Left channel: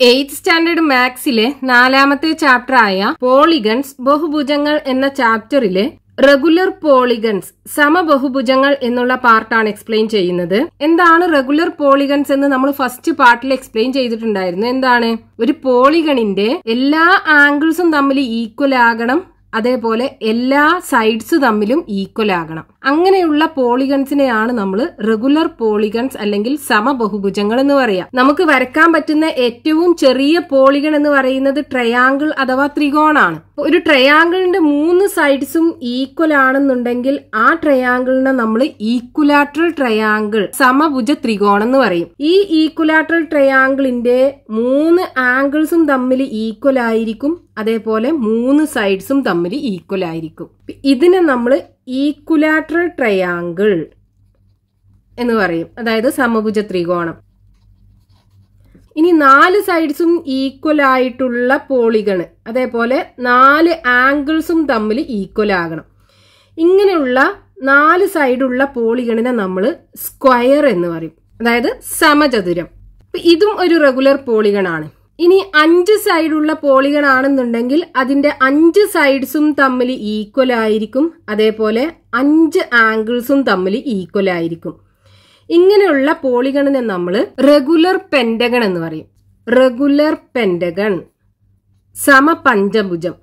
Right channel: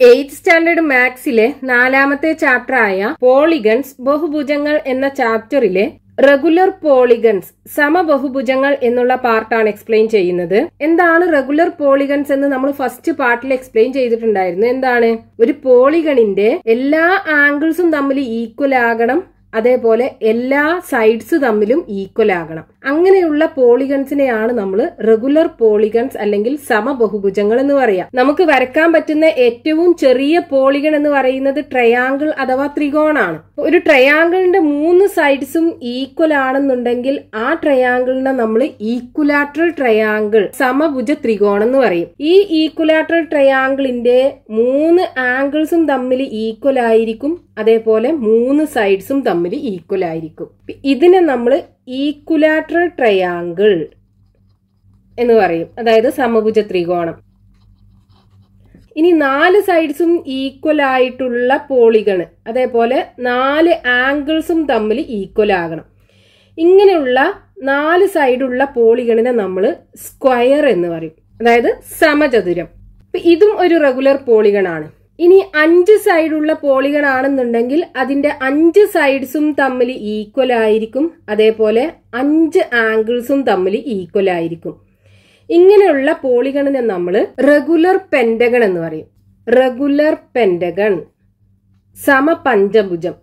8th standard മാത്സിലെ 4ാമത്തെ chapter ആയ polygons ബഹുഭുജങ്ങൾ എന്ന ചാപ്റ്ററിലെ regular polygons സമബഹുഭുജങ്ങൾ എന്നുള്ള പാർട്ടാണ് എക്സ്പ്ലെയിൻ ചെയ്യുന്നത്. എന്താണ് റെഗുലർ പോളിഗൺസ് എന്ന് നമ്മൾ ഫസ്റ്റ് പാർട്ടിൽ എക്സ്പ്ലെയിൻ ചെയ്തിട്ടുണ്ടായിരുന്നു. എന്താണ്? ഒരു പോളിഗണിന്റെ എല്ലാ ആംഗിൾസും തമ്മിൽ ഈക്വൽ ആകണം, അതേപോലെ എല്ലാ സൈഡ്സ് തമ്മിലും ഈക്വൽ ആകണം. അങ്ങനെയുള്ള പോളിഗൺസിനെയാണ് നമ്മൾ റെഗുലർ പോളിഗൺസ് അല്ലെങ്കിൽ സമബഹുഭുജങ്ങൾ എന്ന് പറയാം. നമുക്ക് വരയ്ക്കാൻ പറ്റുന്ന ഏറ്റവും ചെറിയ പോളിഗൺ എന്ന് പറയുന്നത് ട്രയാങ്കിൾ അഥവാ ത്രികോണാണ്. ഒരു ട്രയാങ്കിളിന്റെ 3 സൈഡ്സും ഈക്വൽ ആണെന്നുണ്ടെങ്കിൽ ആ ട്രയാങ്കിളിനെ നമ്മൾ ഈക്വലാട്രൽ ട്രയാങ്കിൾ സമഭുജ ത്രികോണം എന്ന് പറയും. ഈ ഈക്വലാട്രൽ ട്രയാങ്കിളിന്റെ 3 ആംഗിൾസും തമ്മിൽ ഈക്വൽ ആയിരിക്കും, അതേപോലെ 3 സൈഡ്സും തമ്മിൽ ഈക്വൽ ആയിരിക്കും. ഇതിനെ നമ്മൾ ഈക്വലാട്രൽ ട്രയാങ്കിൾ എന്ന് പറയും, അതായത് സമഭുജ ത്രികോണം. ഇനി 4 സൈഡ്സും ഈക്വൽ ആയിട്ടുള്ള പോളിഗൺ, അതേപോലെ 4 ആംഗിൾസും തമ്മിൽ ഈക്വൽ ആകണം. ഇങ്ങനെയുള്ള 4 സൈഡുള്ള പോളിഗണിനെ നമ്മൾ സ്ക്വയർ എന്ന് പറയും, അതായത് സമചതുരം. ഇതും ഒരു റെഗുലർ പോളിഗൺ ആണ്. ഇനി 5 സൈഡുള്ള പോളിഗൺ ആണെന്നുണ്ടെങ്കിൽ അതിന്റെ 5 സൈഡ്സും തമ്മിൽ ഈക്വൽ ആയിരിക്കും, അതേപോലെ 5 ആംഗിൾസും തമ്മിൽ ഈക്വൽ ആയിരിക്കും. ഇങ്ങനെയുള്ള പോളിഗണിനെ നമ്മൾ റെഗുലർ പെന്റഗൺ എന്ന് പറയും. Regular pentagon സമപഞ്ചഭുജം.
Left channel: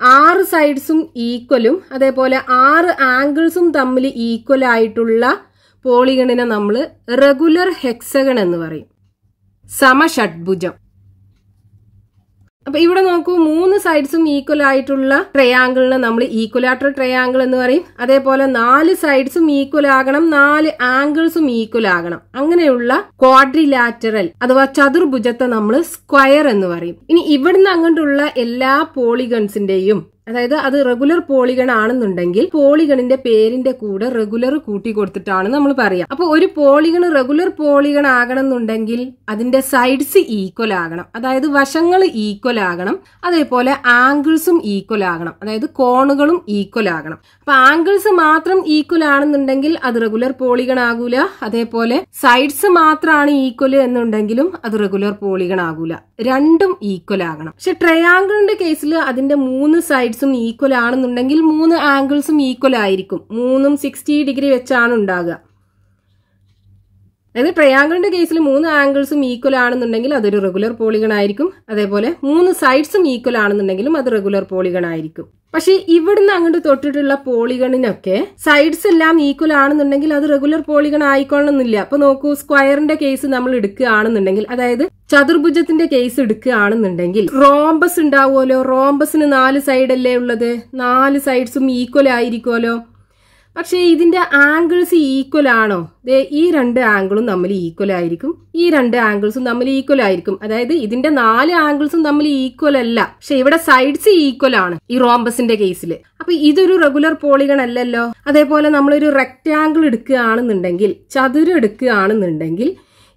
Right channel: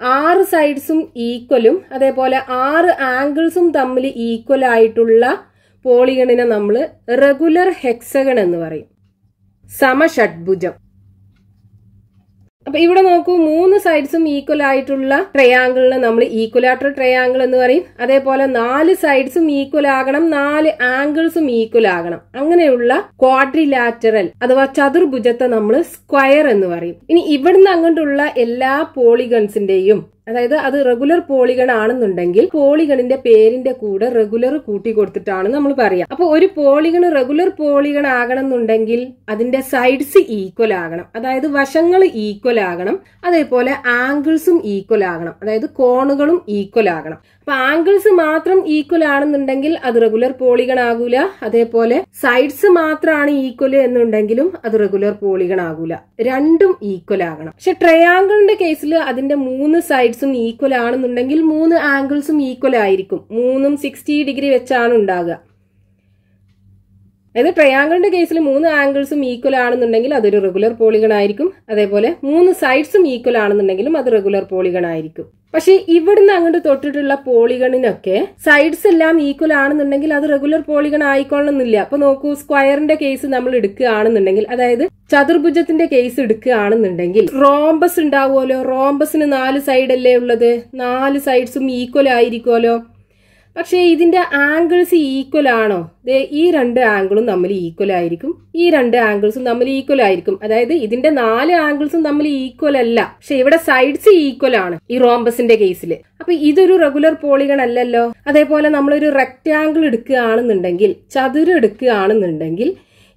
6 സൈഡ്സും ഈക്വലും അതേപോലെ 6 ആംഗിൾസും തമ്മിൽ ഈക്വൽ ആയിട്ടുള്ള പോളിഗണിനെ നമ്മൾ റെഗുലർ ഹെക്സഗൺ എന്ന് പറയും, സമഷഡ്ഭുജം. അപ്പൊ ഇവിടെ നോക്കൂ, 3 സൈഡ്സും ഈക്വൽ ആയിട്ടുള്ള ട്രയാങ്കിളിനെ നമ്മൾ ഈക്വലാട്രൽ ട്രയാങ്കിൾ എന്ന് പറയും. അതേപോലെ 4 സൈഡ്സും ഈക്വൽ ആകണം, 4 ആംഗിൾസും ഈക്വൽ ആകണം. അങ്ങനെയുള്ള ക്വാഡ്രിലാറ്ററൽ അഥവാ ചതുർഭുജത്തെ നമ്മൾ സ്ക്വയർ എന്ന് പറയും. ഇനി ഇവിടുന്ന് അങ്ങോട്ടുള്ള എല്ലാ പോളിഗൺസിന്റെയും, അതായത് അത് റെഗുലർ പോളിഗൺ ആണെന്നുണ്ടെങ്കിൽ പോളിഗണിന്റെ പേരിന്റെ കൂടെ റെഗുലർ കൂട്ടി കൊടുത്തിട്ടാണ് നമ്മൾ പറയാം. അപ്പൊ ഒരു പോളിഗൺ റെഗുലർ പോളിഗൺ ആകണം എന്നുണ്ടെങ്കിൽ അതിന്റെ സൈഡ്സ് ഈക്വൽ ആകണം, അതായത് വശങ്ങൾ ഈക്വൽ ആകണം, അതേപോലെ ആംഗിൾസും ഈക്വൽ ആകണം, അതായത് കോണുകളും ഈക്വൽ ആകണം. അപ്പൊ ആംഗിൾസ് മാത്രം ഈക്വൽ ആണെന്നുണ്ടെങ്കിൽ അത് റെഗുലർ പോളിഗൺ ആകൂല, അതേപോലെ സൈഡ്സ് മാത്രമാണ് ഈക്വൽ എന്നുണ്ടെങ്കിലും അത് റെഗുലർ പോളിഗൺ ആകൂല. രണ്ടും ഈക്വൽ ആകണം. പക്ഷെ ട്രയാങ്കിളിന്റെ കേസിൽ അതിന്റെ 3 സൈഡ്സും ഈക്വൽ ആണെന്നുണ്ടെങ്കിൽ 3 ആംഗിൾസും ഈക്വൽ ആയിരിക്കും. 3ഉം 60 ഡിഗ്രി വെച്ചാണ് ഉണ്ടാകുക. അതായത് ട്രയാങ്കിളിന്റെ കേസിൽ 3 ആംഗിൾസും ഈക്വൽ ആണെന്നുണ്ടെങ്കിൽ അതൊരു റെഗുലർ പോളിഗൺ ആയിരിക്കും, അതേപോലെ 3 സൈഡ്സും ഈക്വൽ ആണെന്നുണ്ടെങ്കിലും അത് റെഗുലർ പോളിഗൺ ആയിരിക്കും. പക്ഷെ ഇവിടുന്ന് അങ്ങോട്ട് തൊട്ടിട്ടുള്ള പോളിഗണിനൊക്കെ സൈഡ്സ് എല്ലാം ഈക്വൽ ആണെന്നുണ്ടെങ്കിൽ അത് റെഗുലർ പോളിഗൺ ആയിക്കൊള്ളണമെന്നില്ല. അപ്പൊ നോക്കൂ, സ്ക്വയറിന്റെ കേസ് നമ്മൾ എടുക്കുകയാണെന്നുണ്ടെങ്കിൽ, അതായത് ചതുർഭുജത്തിന്റെ കേസ് എടുക്കുകയാണെന്നുണ്ടെങ്കിൽ റോംബസ് ഉണ്ടാവുമല്ലോ. റോംബസിന് 4 സൈഡല്ലേ ഉള്ളത്, 4 സൈഡ്സും ഈക്വൽ ആയിരിക്കുമല്ലോ. പക്ഷെ ഇതിന്റെ ആംഗിൾസ് ഈക്വൽ ആണോ? ഈ 2 ആംഗിളും തമ്മിൽ ഈക്വൽ ആയിരിക്കും, ഈ 2 ആംഗിൾസും തമ്മിൽ ഈക്വൽ ആയിരിക്കും. അതായത് ഇതിന്റെ 4 ആംഗിൾസും തമ്മിൽ ഈക്വൽ അല്ല, പക്ഷെ ഇവിടെ സൈഡ്സ് ഈക്വൽ ആണ് ഈ റോംബസിന്റെ കേസിൽ. അപ്പൊ ഇതൊരു റെഗുലർ പോളിഗൺ അല്ലല്ലോ. അതേപോലെ നമ്മളൊരു റെക്ടാങ്കിൾ എടുക്കുകയാണെന്നുണ്ടെങ്കിൽ, ചതുരം എടുക്കുകയാണെന്നുണ്ടെങ്കിൽ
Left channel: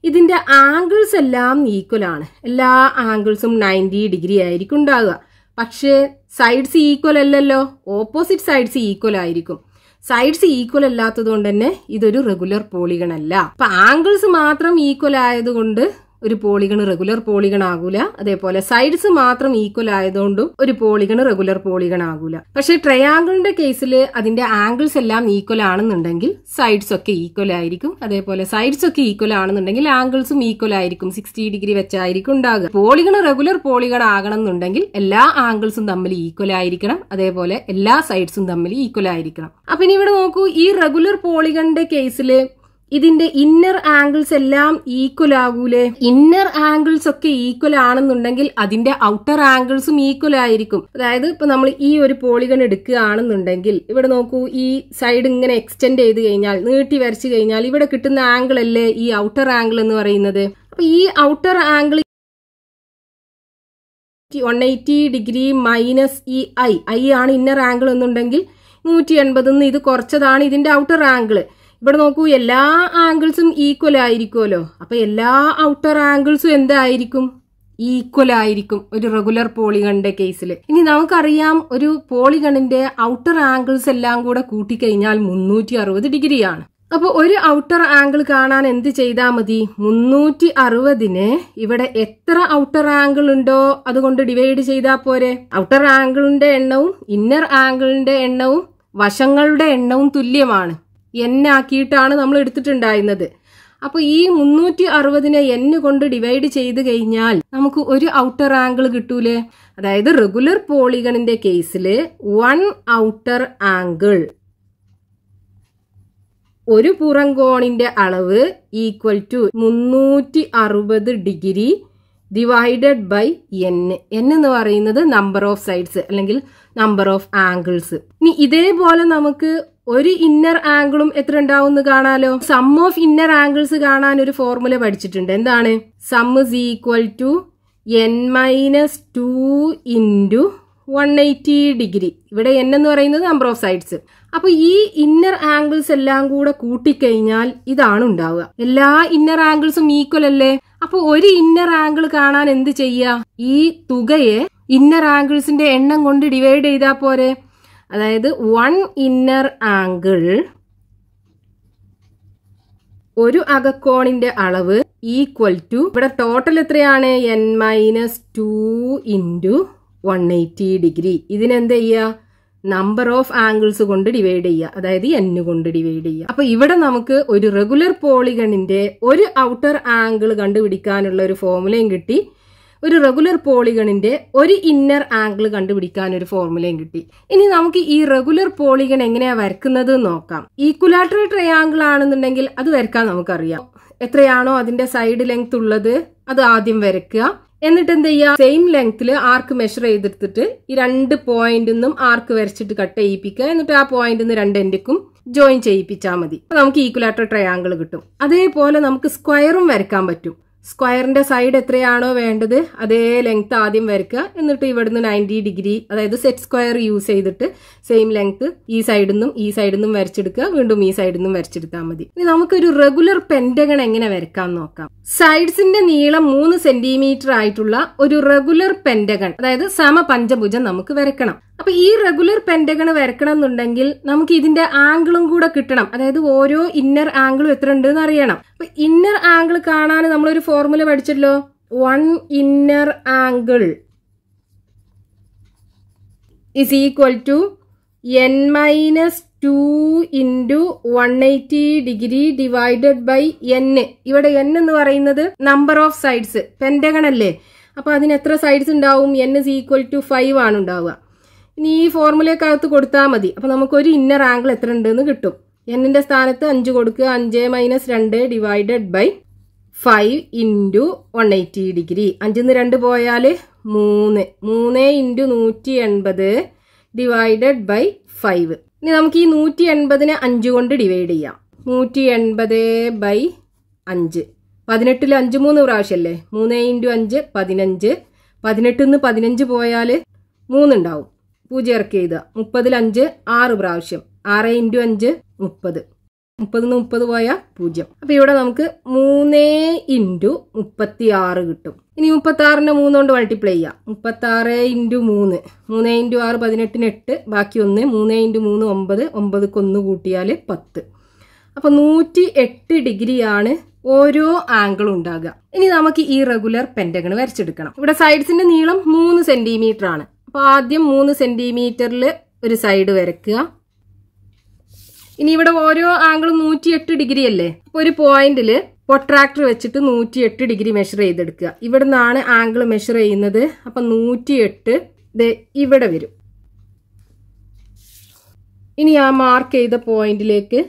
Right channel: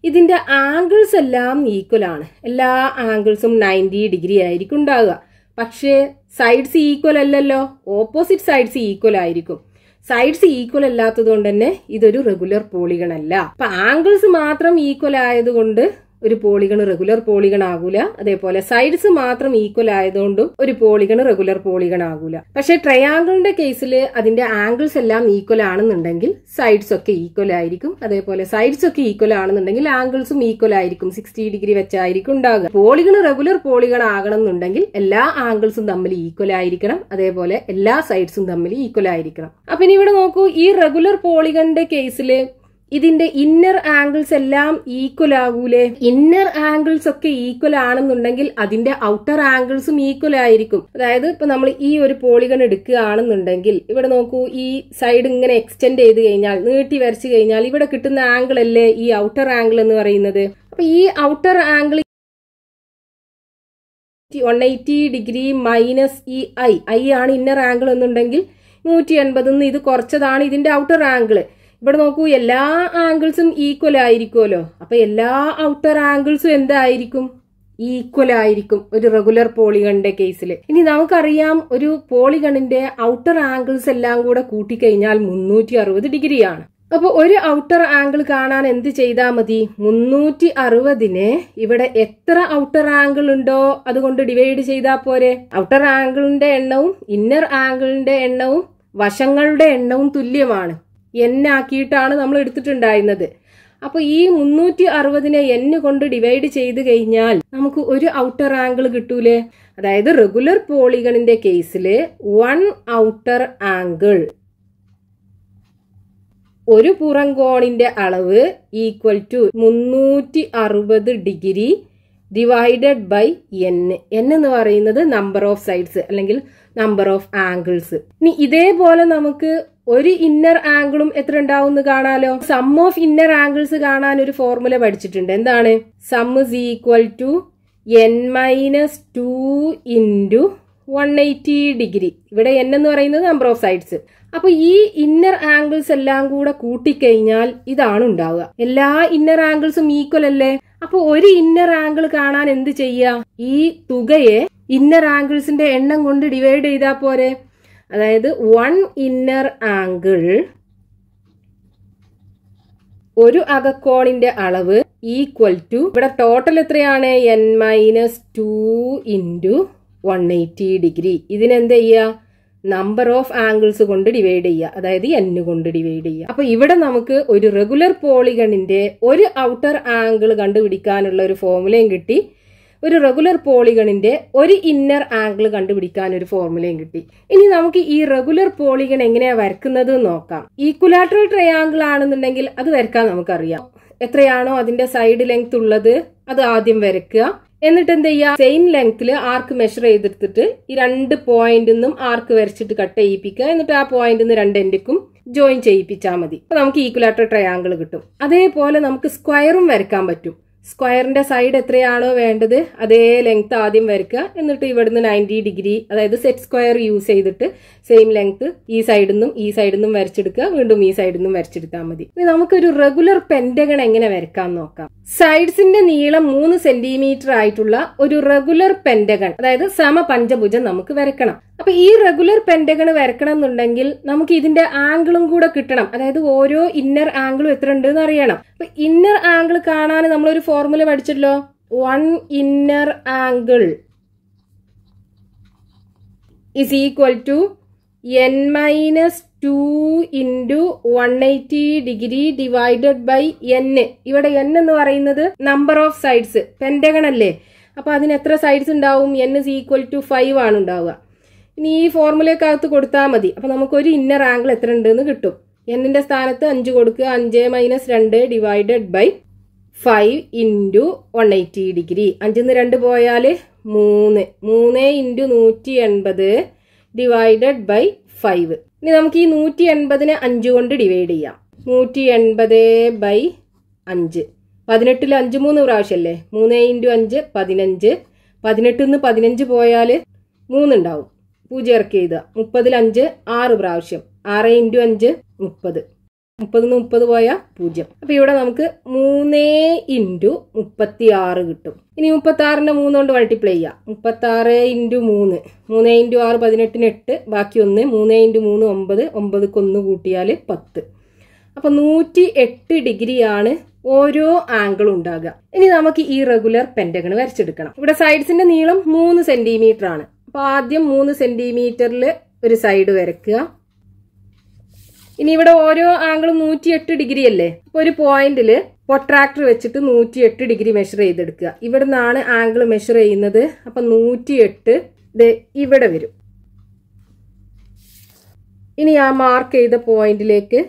ഇതിന്റെ ആംഗിൾസ് എല്ലാം ഈക്വൽ ആണ്. എല്ലാ ആംഗിൾസും 90 ഡിഗ്രി ആയിരിക്കും ഉണ്ടാവുക. പക്ഷേ സൈഡ്സ് ഈക്വൽ അല്ലല്ലോ, ഓപ്പോസിറ്റ് സൈഡ്സ് ഈക്വൽ ആയിരിക്കും. സൈഡ്സ് ഈക്വൽ അല്ലാത്തത് കൊണ്ട് തന്നെ ഇതൊരു റെഗുലർ പോളിഗൺ അല്ല. അപ്പൊ ആംഗിൾസ് മാത്രം ഈക്വൽ ആയതുകൊണ്ട് ഒരു പോളിഗൺ റെഗുലർ പോളിഗൺ ആകൂല, അതേപോലെ സൈഡ്സ് മാത്രം ഈക്വൽ ആയതുകൊണ്ടും ഒരു പോളിഗൺ റെഗുലർ പോളിഗൺ ആകൂല. പക്ഷെ ട്രയാങ്കിളിന്റെ കേസിൽ അതിന്റെ ആംഗിൾസ് എല്ലാം ഈക്വൽ ആണെന്നുണ്ടെങ്കിൽ സൈഡ്സ് ഒക്കെ ഈക്വൽ ആയിരിക്കും, അതേപോലെ സൈഡ്സ് ഒക്കെ ഈക്വൽ ആണെന്നുണ്ടെങ്കിൽ ആംഗിൾസും ഈക്വൽ ആയിരിക്കും, 60 ഡിഗ്രി വെച്ചായിരിക്കും ഉണ്ടാകുക. പോളിഗൺ റെഗുലർ പോളിഗൺ ആകണം എന്നുണ്ടെങ്കിൽ എല്ലാ ആംഗിൾസും തമ്മിൽ ഈക്വൽ ആയിരിക്കണം, അതേപോലെ എല്ലാ സൈഡ്സും തമ്മിൽ ഈക്വൽ ആയിരിക്കണം. അപ്പൊ ഇനി ഇവിടെ നോക്കൂ, ഈ റെഗുലർ പോളിഗണിന്റെ കേസില് ഇതിന്റെ ഇന്നർ ആംഗിൾസ് എല്ലാം ഈക്വൽ ആകൂലേ? ഇന്നർ ആംഗിൾസ് ഒക്കെ ഈക്വൽ ആണെന്നുണ്ടെങ്കിൽ അതിന്റെ ഔട്ടർ ആംഗിൾസും ഈക്വൽ ആയിരിക്കും. അതായത് ഇപ്പൊ നമ്മൾ ഈ ഒരു പോളിഗൺ എടുക്കുകയാണെന്നുണ്ടെങ്കിൽ ഇവിടെ നോക്കൂ, ഈ സൈഡ് ഇങ്ങനെ എക്സ്റ്റെൻഡ് ചെയ്ത് കഴിഞ്ഞാൽ, നീട്ടി വരച്ചു കഴിഞ്ഞാൽ ഇവിടെ കിട്ടുന്ന ആംഗിൾ അല്ലേ ഈ ഔട്ടർ ആംഗിൾ എന്ന് പറയുന്നത്. അപ്പൊ ഈ ഔട്ടർ ആംഗിൾ 180 ഡിഗ്രി മൈനസ് ഈ ഐ ആണ് ഇന്നർ ആംഗിൾ എന്നുണ്ടെങ്കിൽ 180 ഇത് കുറച്ചതാണ് ഇതിന്റെ ഔട്ടർ ആംഗിൾ. ഇവിടെ നോക്കൂ, എല്ലാ ആംഗിൾസും ഈക്വൽ ആയിരിക്കുമല്ലോ. അപ്പൊ എല്ലാ ഔട്ടർ ആംഗിൾസും എന്തായിരിക്കും? ഈക്വൽ ആയിരിക്കും ഒരു റെഗുലർ പോളിഗണിന്റെ കേസിൽ. ഇനി നമുക്കറിയാം, ഒരു പോളിഗണിന്റെ ഔട്ടർ ആംഗിൾസ് എല്ലാം കൂടെ കൂട്ടിക്കഴിഞ്ഞാൽ 360 ഡിഗ്രിയാണ്. അപ്പോൾ ഒരു ഔട്ടർ ആംഗിൾ കാണാൻ എന്ത് ചെയ്താൽ മതി? 360നെ ഇവിടെ എത്ര ഔട്ടർ ആംഗിൾ ഉണ്ടോ അതുകൊണ്ട് ഡിവൈഡ് ചെയ്താൽ പോരെ. ഔട്ടർ ആംഗിളിന്റെ എണ്ണവും ഇന്നർ ആംഗിളിന്റെ എണ്ണവും വശങ്ങളുടെ എണ്ണവും തുല്യമാണ്. n ആക്കിയിട്ടാണ് നമ്മൾ എടുത്തിട്ടുണ്ടായിരുന്നത്. അപ്പൊ ഈ 360നെ n കൊണ്ട് ഡിവൈഡ് ചെയ്ത് കഴിഞ്ഞാൽ നമുക്ക് ഒരു ഔട്ടർ ആംഗിൾ കിട്ടൂലേ? അതായത് റെഗുലർ പോളിഗണിന്റെ കേസിൽ 1 ഔട്ടർ ആംഗിൾ, ഒരു പുറംകോണിന്റെ അളവ് equal to 360 degree divided by n. n എന്ന് പറയുന്നത് നമ്പർ ഓഫ് സൈഡ്സ് അല്ലെങ്കിൽ നമ്പർ ഓഫ് ആംഗിൾസ്. ഇനി ഇതേപോലെ നമുക്ക് ഒരു ഇന്നർ ആംഗിളും എത്ര ഉണ്ടാവും എന്ന് കാണാലോ. സം ഓഫ് ഇന്നർ ആംഗിൾസ് കാണാൻ ഒരു ഫോർമുല പഠിച്ചിട്ടുണ്ട്. എന്താണ്? Sum is equal to n-2 into 180 degree. ഇവിടെ n എന്ന് പറയുന്നത് നമ്പർ ഓഫ് സൈഡ്സ്. അപ്പൊ ഈ ഇന്നർ ആംഗിൾസ് എല്ലാം കൂടെ കൂട്ടിക്കഴിഞ്ഞാൽ ഇതാണ് ഉണ്ടാവുക. എല്ലാ ഇന്നർ ആംഗിൾസും ഈക്വൽ അല്ലേ? അപ്പൊ ഒരു ഇന്നർ ആംഗിൾ കാണാൻ എന്ത് ചെയ്യാ? ഈ തുകയെ ഇന്നർ ആംഗിൾസിന്റെ എണ്ണം കൊണ്ട് ഡിവൈഡ് ചെയ്താൽ പോരെ. അതായത് 1 ഇന്നർ ആംഗിൾ, ഒരു അകക്കോണിന്റെ അളവ് ഈക്വൽ ടു, ഇവിടെ ടോട്ടൽ എത്രയാണ്? n-2 into 180 degree. ഇതിനെന്ത് ചെയ്യുക? നമ്പർ ഓഫ് ആംഗിൾസ് കൊണ്ട് ഡിവൈഡ് ചെയ്യുക, അതായത് n കൊണ്ട് ഡിവൈഡ് ചെയ്യുക. അപ്പൊ ഇവിടെ നമുക്ക് ഒരു റെഗുലർ പോളിഗണിന്റെ ഒരു ഔട്ടർ ആംഗിൾ കണ്ടുപിടിക്കാനുള്ള ഒരു ഫോർമുലയും കിട്ടി. ഒരു റെഗുലർ പോളിഗണിന്റെ ഒരു ഇന്നർ ആംഗിൾ കണ്ടുപിടിക്കാൻ ഒരു ഫോർമുലയും കിട്ടി. ഇനി നമുക്ക് ഈ റെഗുലർ പോളിഗൺ എങ്ങനെയാ വരക്കുന്നത് നോക്കാം. ഈക്വലാറ്ററൽ ട്രയാംഗിൾ ആണെന്നുണ്ടെങ്കിൽ അത് വരക്കാൻ നമുക്കറിയാം. എത്രയാണോ അതിന്റെ സൈഡ് ലെങ്ത് ഉള്ളത് അത് ആദ്യം വരയ്ക്കുക. എന്നിട്ട് എന്ത് ചെയ്യുക? സെയിം ലെങ്ത്തിൽ ആർക്ക് മെഷർ ചെയ്തെടുത്തിട്ട് ഈ 2 പോയിന്റിൽ ആർക്ക് വരച്ചിട്ട് കട്ട് ചെയ്യിപ്പിക്കുക. എന്നിട്ട് ആ പോയിന്റിൽ നിന്ന് 2 എൻഡിക്കും ജോയിൻ ചെയ്യിപ്പിച്ചാൽ മതി. അപ്പൊ നമുക്ക് ഈക്വലാറ്ററൽ ട്രയാംഗിൾ കിട്ടും. അതേപോലെ നമുക്ക് സ്ക്വയറും വരയ്ക്കാൻ പറ്റും. സ്ക്വയറിന്റെ സൈഡ് എത്രയാണോ വേണ്ടത് അതേ ലെങ്ത് ആദ്യം വരയ്ക്കുക. എന്നിട്ട് ഇവിടുന്ന് 90 ഡിഗ്രി, അതായത് സെറ്റ് സ്ക്വയർ യൂസ് ചെയ്തിട്ട് സെയിം ലെങ്ത് ഈ സൈഡിൽ നിന്നും വരച്ചെടുക്കുക. വീണ്ടും ഈ സൈഡിൽ നിന്നും വരച്ചെടുത്താൽ മതി. ഇനി നമുക്കൊരു റെഗുലർ പെന്റഗൺ എങ്ങനെ വരയ്ക്കാൻ നോക്കാം. സൈഡ്സിന്റെ നീളം 3 സെന്റിമീറ്റർ ആയിട്ടുള്ള ഒരു റെഗുലർ പെന്റഗൺ, അതായത് സമപഞ്ചഭുജം നമുക്ക് വരയ്ക്കണം. അപ്പൊ ഈ റെഗുലർ പെന്റഗൺ വരക്കണം എന്നുണ്ടെങ്കിൽ നമുക്ക് ഇതിന്റെ ആംഗിളും കൂടെ കിട്ടണം. അതായത് ഓരോ ഇന്നർ ആംഗിളും എത്ര ഉണ്ട് എന്ന് അറിയണം. അപ്പൊ ഇന്നർ ആംഗിൾ കാണാൻ നമ്മളൊരു ഫോർമുല പഠിച്ചല്ലോ. 1 inner angle is equal to n-2 into 180 degree divided by n. ഇവിടെ n എന്ന് പറയുന്നത് നമ്പർ ഓഫ് സൈഡ്സ്, പെന്റഗൺ അല്ലേ. അപ്പൊ അതിന് എത്ര സൈഡ്സ് ഉണ്ടാവും? n is equal to 5 ആണ് ഉണ്ടാവുക. ഇനി ഈ ഫോർമുലക്കകത്ത് കൊടുത്താൽ മതി. അപ്പൊ നമുക്ക് ഒരു ഇന്നർ ആംഗിൾ എത്ര ഉണ്ടെന്ന് കിട്ടും. എന്നിന്റെ സ്ഥാനത്ത് 5 കൊടുക്കുക. 5 - 2 ഡിവൈഡഡ് ബൈ 5 ഇൻറ്റു 180 ഡിഗ്രി. 5 - 2 പോയാൽ 3. 3 ഇൻറ്റു 180 ഡിവൈഡഡ് ബൈ 5. ഇനി നമുക്ക് ഈ 180നെ 5 കൊണ്ട് ഡിവൈഡ് ചെയ്യാം. 180 ബൈ 5. 18ൽ 5 3 പ്രാവശ്യമല്ലേ. 3 ഇൻറ്റു 5 15. 18 നിന്ന് 15 പോയാൽ 3 ഉണ്ടാവും. 0 ഇറക്കി എഴുതുക. 30ൽ 5 6 പ്രാവശ്യം. 6 ഇൻറ്റു 5 30. 30 നിന്ന് 30 പോയാൽ 0. അപ്പൊ ഇവിടെ നമുക്ക് 3 ഇൻറ്റു 36 കിട്ടും. ഇനി 36നെ 3 കൊണ്ട് മൾട്ടിപ്ലൈ ചെയ്യാം. 36 ഇൻറ്റു 3. 3 ഇൻറ്റു 6 18ന് 8. ബാക്കി 1. 3 ഇൻറ്റു 3 9. 9ക്ക് 1 കൂട്ടിയാൽ 10. അപ്പൊ 108 ഡിഗ്രിയാണ് ഓരോ ആംഗിളും ഉണ്ടാകുക. ഇനി നമുക്ക് ഈ റെഗുലർ പെന്റഗൺ വരച്ചെടുക്കണം. ഇവിടെ സൈഡ്സിന്റെ നീളം 3 സെന്റിമീറ്റർ ആണ്. അപ്പൊ ആദ്യം 3 സെന്റിമീറ്ററിൽ ഒരു സൈഡ് വരയ്ക്കുക. ഇനി ഇവിടെ ഓരോ ആംഗിളും 108 ഡിഗ്രി അല്ലേ. അപ്പൊ ഒരു പോയിന്റിൽ പ്രൊട്രാക്ടർ വെച്ചിട്ട് 108 ഡിഗ്രി മെഷർ ചെയ്തെടുക്കുക. ഇവിടെ നിന്നാണ് ആംഗിൾ മെഷർ ചെയ്യുന്നത്. അപ്പൊ 108 ഇവിടെ വരും. ഇനി ആ മാർക്ക് ചെയ്ത പോയിന്റിലേക്ക്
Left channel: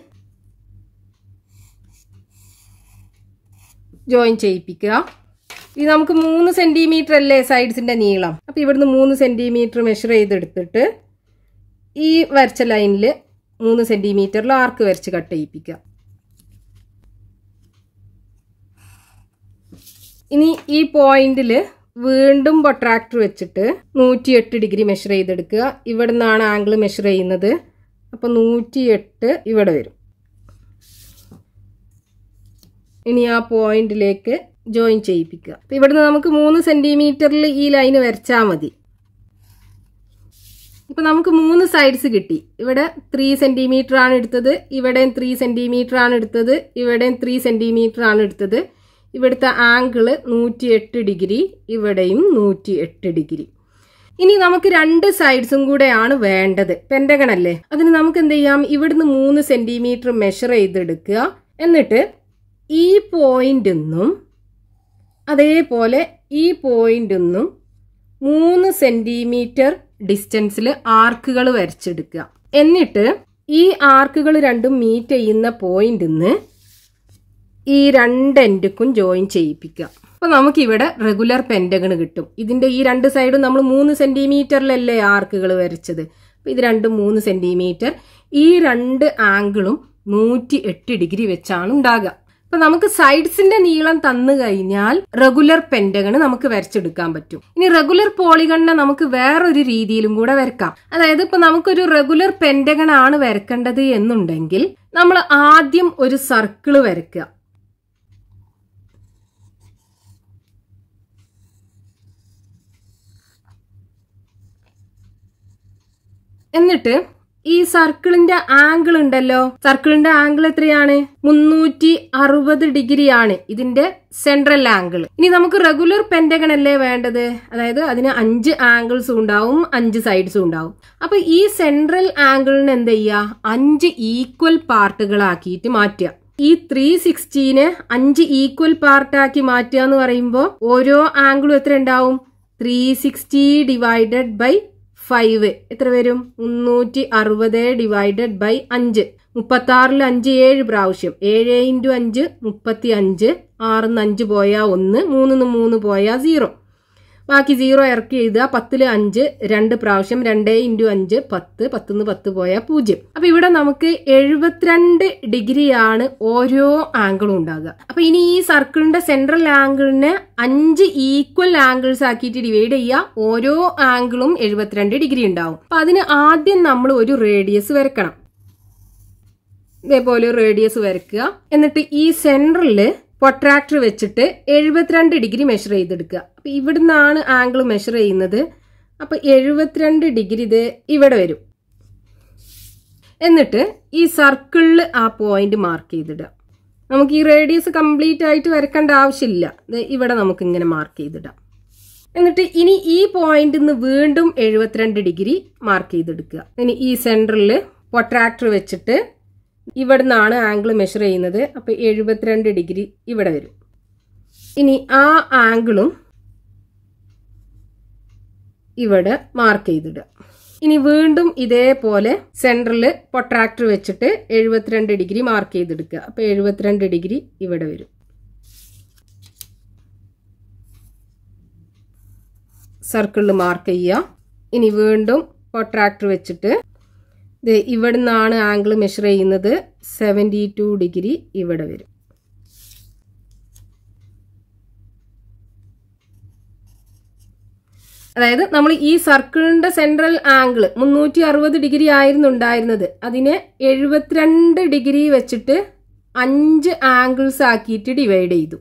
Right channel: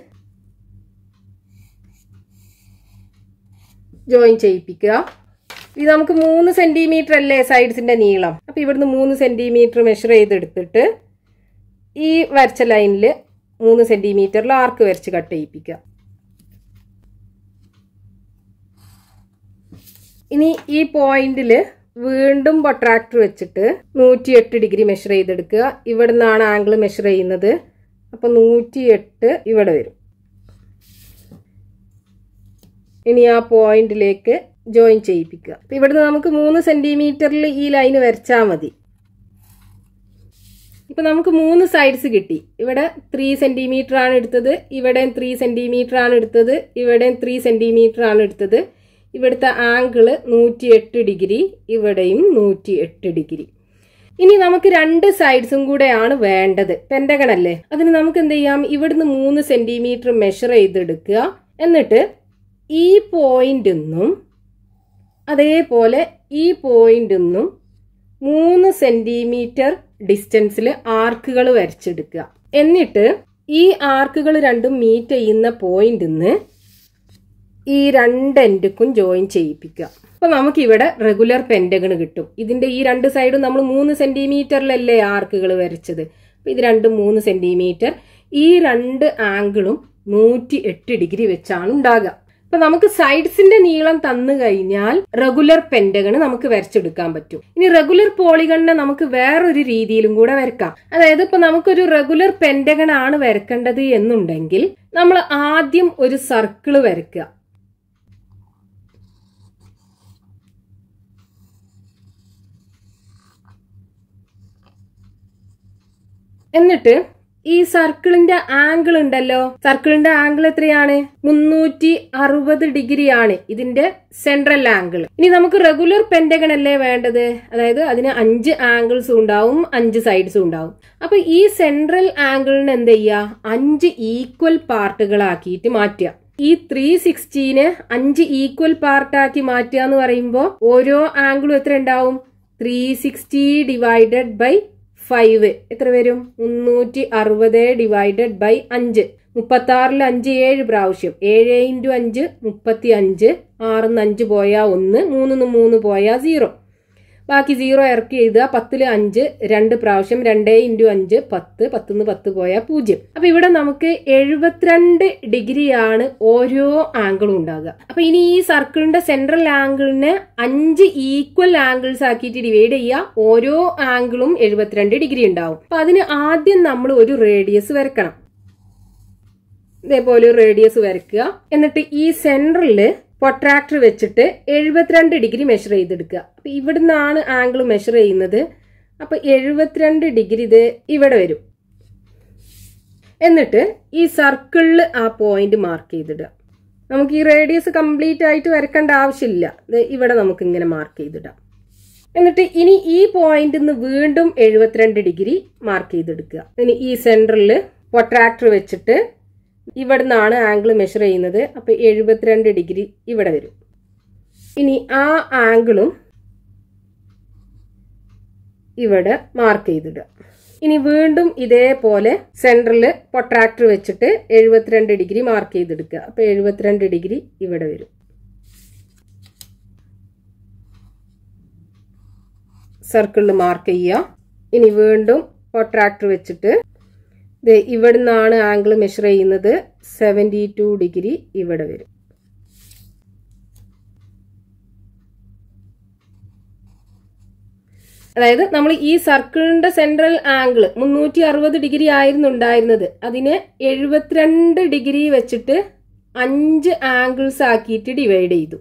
ജോയിൻ ചെയ്യിപ്പിക്കുക. ഇത് നമുക്ക് 3 സെന്റിമീറ്റർ അല്ലേ സൈഡ്സിന്റെ നീളം. അപ്പൊ ഇവിടുന്ന് 3 സെന്റിമീറ്റർ മെഷർ ചെയ്തെടുത്തിട്ട് ഈ വരച്ച ലൈനിൽ 3 സെന്റിമീറ്ററിൽ ആർക്ക് വരച്ച് കട്ട് ചെയ്യിപ്പിക്കുക. ഇനി ഈ പോയിന്റിൽ വീണ്ടും പ്രൊട്രാക്ടർ വെച്ചിട്ട് 108 ഡിഗ്രി മെഷർ ചെയ്തെടുക്കുക. ഇവിടെ നിന്നാണ് ആംഗിൾ മെഷർ ചെയ്യുന്നത്. അപ്പൊ 108 ഇവിടെ വരും. ഇനി ആ പോയിന്റിലേക്ക് ജോയിൻ ചെയ്യിപ്പിക്കുക. ഇവിടുന്ന് നമുക്ക് 3 സെന്റിമീറ്ററിൽ ഈ ലൈന് വരച്ചാൽ മതി. ഇപ്പൊ നമുക്ക് 3 സൈഡ്സ് കിട്ടി. ഇവിടെ 3 സെന്റിമീറ്റർ ആണ് എടുത്തത്, ഇവിടെയും 3 സെന്റിമീറ്റർ ആണ് എടുത്തത്, ഇവിടെയും 3 സെന്റിമീറ്റർ ആണ് എടുത്തത്. ഇവിടുത്തെ ആംഗിള് 108 ഡിഗ്രി, ഇവിടെയും 108 ഡിഗ്രി. ഇനി നമുക്ക് 2 സൈഡ്സും കൂടെയാണ് വേണ്ടത്. പെന്റഗൺ അല്ലേ, അതിന് നമുക്ക് എന്ത് ചെയ്യാം, ഇവിടുന്ന് 3 സെന്റിമീറ്റർ മെഷർ ചെയ്തെടുക്കുക. എന്നിട്ട് ഈ പോയിന്റ് നിന്നും അതേപോലെ ഈ പോയിന്റ് നിന്നും 3 സെന്റിമീറ്റർ ഡിസ്റ്റൻസിൽ ആർക്കുകൾ വരച്ചെടുക്കുക. എന്നിട്ട് ഈ ആർക്കുകൾ രണ്ടും മീറ്റ് ചെയ്യുന്ന പോയിന്റിൽ നിന്ന് ഈ 2 എൻഡുക്കും ജോയിൻ ചെയ്യിപ്പിക്കുക. അപ്പൊ നമുക്ക് ഇവിടെ റെഗുലർ പെന്റഗൺ കിട്ടും. ഇതിന്റെ ഈ 2 സൈഡും നമ്മൾ 3 സെന്റിമീറ്ററിലല്ലേ ആർക്കുകൾ വരച്ചത്. അപ്പൊ ഇത് രണ്ടും 3 സെന്റിമീറ്റർ. ഈ 2 ആംഗിളും 108 ഡിഗ്രി വെച്ചാണ് ഉണ്ടാകുക. അപ്പൊ നമുക്ക് സൈഡ്സിന്റെ നീളം തന്നു കഴിഞ്ഞാൽ റെഗുലർ പെന്റഗൺ നമുക്ക് വരച്ചെടുക്കാൻ പറ്റും. ഇനി റെഗുലർ പോളിഗണിനെ നമുക്ക് വേറൊരു രീതിയിലും കൂടെ വരക്കാം. അതായത് ഇപ്പൊ നമുക്കൊരു റെഗുലർ പെന്റഗൺ ആണ് വരക്കേണ്ടത് എന്നുണ്ടെങ്കിൽ നമ്മൾ ആദ്യം ഒരു സർക്കിള് വരയ്ക്കുക. എന്നിട്ട് ഈ സർക്കിളിന്റെ ആംഗിൾ ഉണ്ടല്ലോ, സർക്കിളിന്റെ ആംഗിൾ എത്രയാണ്? 360 ഡിഗ്രി ആണ് ഇതിന്റെ സെൻട്രൽ ആംഗിൾ. ഇനി നമുക്ക് റെഗുലർ പെന്റഗൺ അല്ലേ വേണ്ടത്, അതായത് അതിന് 5 ആംഗിൾസും ഉണ്ടാവും, 5 സൈഡ്സും ഉണ്ടാവും. അപ്പൊ ഈ സെൻട്രൽ ആംഗിളിന് എന്ത് ചെയ്യുക, 5 ഈക്വൽ പാർട്ടുകളാക്കിയിട്ട് മാറ്റുക. ഈ 360നെ 5 ഈക്വൽ പാർട്ടാക്കി മാറ്റുക എന്ന് പറയുമ്പോൾ ഓരോ ആംഗിളും എത്ര ഉണ്ടാവും? 360 ഡിവൈഡഡ് ബൈ 5 എത്ര വരും? 360 ഡിവൈഡഡ് ബൈ 5. 36ൽ 5 7 പ്രാവശ്യം, 7 × 5 35. 6 5 പോയാ 1, 3 3 പോയാ 0. ബാക്കി 0 ഇറക്കി എഴുതുക. 10ൽ 5 2 പ്രാവശ്യം, 2 × 5 10, 10 10 പോയാ 0. അപ്പൊ ഇവിടെ നമുക്ക് 72 ഡിഗ്രിയാണ് ഓരോ ആംഗിളും ഉണ്ടാകുക. അപ്പൊ ഇനി ഈ സർക്കിളിന്റെ സെൻട്രൽ ആംഗിളിനെ 5 ഈക്വൽ ആംഗിൾസ് ആക്കിയിട്ട് ഡിവൈഡ് ചെയ്യുക. ഓരോ ആംഗിളും 72 ഡിഗ്രി ഉണ്ടാവും. അപ്പൊ അതിന് ആദ്യം നമ്മൾ ഒരു റേഡിയസ് വരക്കണം. ഇതേപോലെ ഒരു റേഡിയസ് വരയ്ക്കുക. എന്നിട്ട് ഈ സെൻട്രലില് പ്രൊട്രാക്ടർ വെച്ചിട്ട് 72 ഡിഗ്രി മെഷർ ചെയ്തെടുക്കുക. അപ്പൊ ഇവിടുന്നാണ് ആംഗിൾ മെഷർ ചെയ്യുന്നത്. അപ്പൊ 72 ഡിഗ്രി ഇത് ഇവിടെ വരും. എന്നിട്ട് ഈ സർക്കിളിൽ ആ പോയിന്റ് മാർക്ക് ചെയ്തിടുക. നമുക്ക് ഈ റേഡിയസ് കംപ്ലീറ്റ് ആയിട്ട് വരക്കേണ്ട ആവശ്യമില്ല. ഇവിടെ നമുക്ക് ഇങ്ങനെ മാർക്ക് ചെയ്തിടാം. എന്നിട്ട് ഇനി ഈ പോയിന്റിൽ നിന്ന് വീണ്ടും 72 ഡിഗ്രി മാർക്ക് ചെയ്തെടുക്കുക. ഇനി ഈ സെന്ററിൽ പ്രൊട്രാക്ടർ വെച്ചിട്ട് ഇവിടുന്നാണ് ആംഗിൾ മെഷർ ചെയ്യുന്നത്. അപ്പൊ 72 ഡിഗ്രി ഇവിടെ വരും. ഇനി ആ ആംഗിളും ഇവിടെ മാർക്ക് ചെയ്തിടുക. ഇനി വീണ്ടും ഇതേപോലെ സെന്ററിൽ പ്രൊട്രാക്ടർ വെച്ചിട്ട് 72 ഡിഗ്രി മാർക്ക് ചെയ്തെടുക്കുക. അപ്പൊ 72 ഡിഗ്രി ഇവിടെ വരും. സർക്കിളിൽ മാർക്ക് ചെയ്യുക. ഇനി വീണ്ടും പ്രൊട്രാക്ടർ വെച്ചിട്ട് ഇവിടുന്നാണ് ആംഗിൾ മെഷർ ചെയ്യുന്നത്. 72 ഡിഗ്രി ഇവിടെ വരും. അതായത് നമ്മൾ ഈ സർക്കിളിന്റെ സെൻട്രൽ ആംഗിൾ 360 ഡിഗ്രി ആയിരുന്നു ഉണ്ടായിരുന്നത്. അതിനെ 72 ഡിഗ്രി വെച്ചിട്ട് 5 ആംഗിൾസ് ആക്കിയിട്ട് ഡിവൈഡ് ചെയ്തു.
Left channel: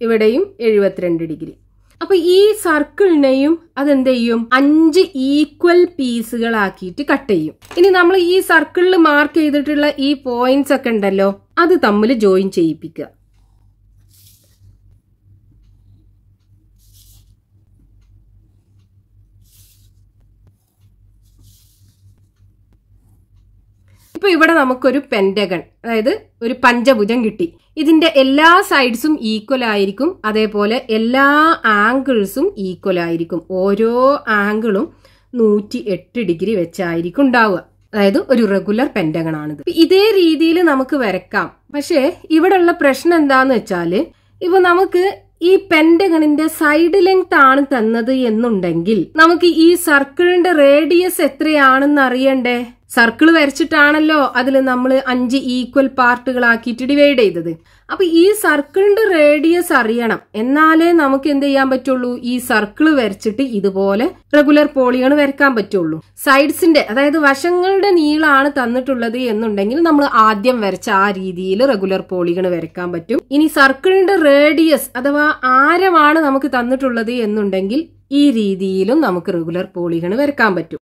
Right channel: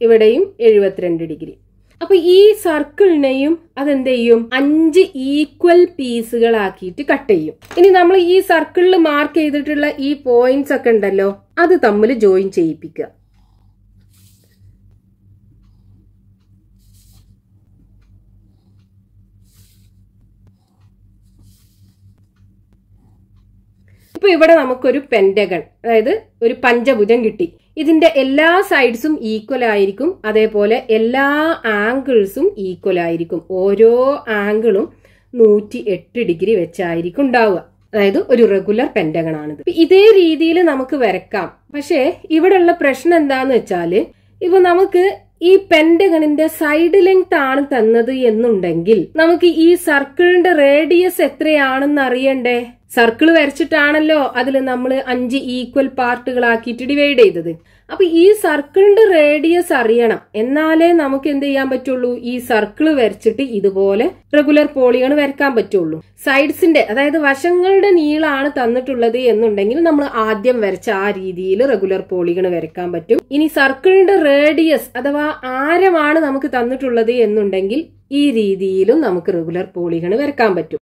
ഇവിടെയും 72 ഡിഗ്രി. അപ്പൊ ഈ സർക്കിളിനെയും അതെന്ത് ചെയ്യും? 5 ഈക്വൽ പീസുകളാക്കിയിട്ട് കട്ട് ചെയ്യും. ഇനി നമ്മൾ ഈ സർക്കിളിൽ മാർക്ക് ചെയ്തിട്ടുള്ള ഈ പോയിന്റ്സ് ഒക്കെ ഉണ്ടല്ലോ, അത് തമ്മിൽ ജോയിൻ ചെയ്യിപ്പിക്കുക. ഇപ്പൊ ഇവിടെ നമുക്കൊരു പെന്റഗൺ, അതായത് ഒരു പഞ്ചഭുജം കിട്ടി. ഇതിന്റെ എല്ലാ സൈഡ്സും ഈക്വൽ ആയിരിക്കും, അതേപോലെ എല്ലാ ആംഗിൾസും ഈക്വൽ ആയിരിക്കും. ഓരോ ആംഗിളും 108 ഡിഗ്രി വെച്ചായിരിക്കും ഉണ്ടാവുക. അതായത് ഒരു റെഗുലർ പെന്റഗൺ ആണിത്. ഇതേ രീതിയിൽ നമുക്ക് വരക്കാം. പക്ഷേ ഇവിടെയുള്ള പ്രശ്നം എന്താന്ന് വെച്ചാല്, ഇപ്പൊ നമുക്ക് ഈ പെന്റഗണിന്റെ സൈഡ് ലെങ്ത് ആണ് തന്നത് എന്നുണ്ടെങ്കിൽ നമുക്ക് ഈ സർക്കിളിന്റെ റേഡിയസ് എത്രയാണെന്ന് അറിയണ്ടേ? സർക്കിൾ വരച്ചിട്ടാണല്ലോ അതിൽ നമ്മൾ 5 ഈക്വൽ പാർട്ടുകളാക്കിയിട്ട് ഡിവൈഡ് ചെയ്തത്. അപ്പൊ ഈ സർക്കിളിന്റെ റേഡിയസ് അറിയണം, എന്നാലേ നമുക്ക് എന്ത് ചെയ്യാൻ പറ്റുള്ളൂ, ഈ സർക്കിൾ വരച്ചിട്ട് ഇതുപോലെ റെഗുലർ പോളിഗൺ വരക്കാൻ പറ്റുള്ളൂ. സൈഡ്സിന്റെ, അതായത് വശങ്ങളുടെ നീളമാണ് തന്നിട്ടുള്ളത് എന്നുണ്ടെങ്കിൽ നമ്മൾ ആദ്യം വരച്ച ആ രീതിയിൽ റെഗുലർ പോളിഗൺ വരക്കാൻ പറ്റും. ഇനി സർക്കിളിന്റെ റേഡിയസ് അഥവാ ആരമാണ് നമുക്ക് തന്നിട്ടുള്ളത് എന്നുണ്ടെങ്കിൽ ഈ രീതിയിലും നമുക്ക് റെഗുലർ പോളിഗൺ വരക്കാൻ പറ്റും.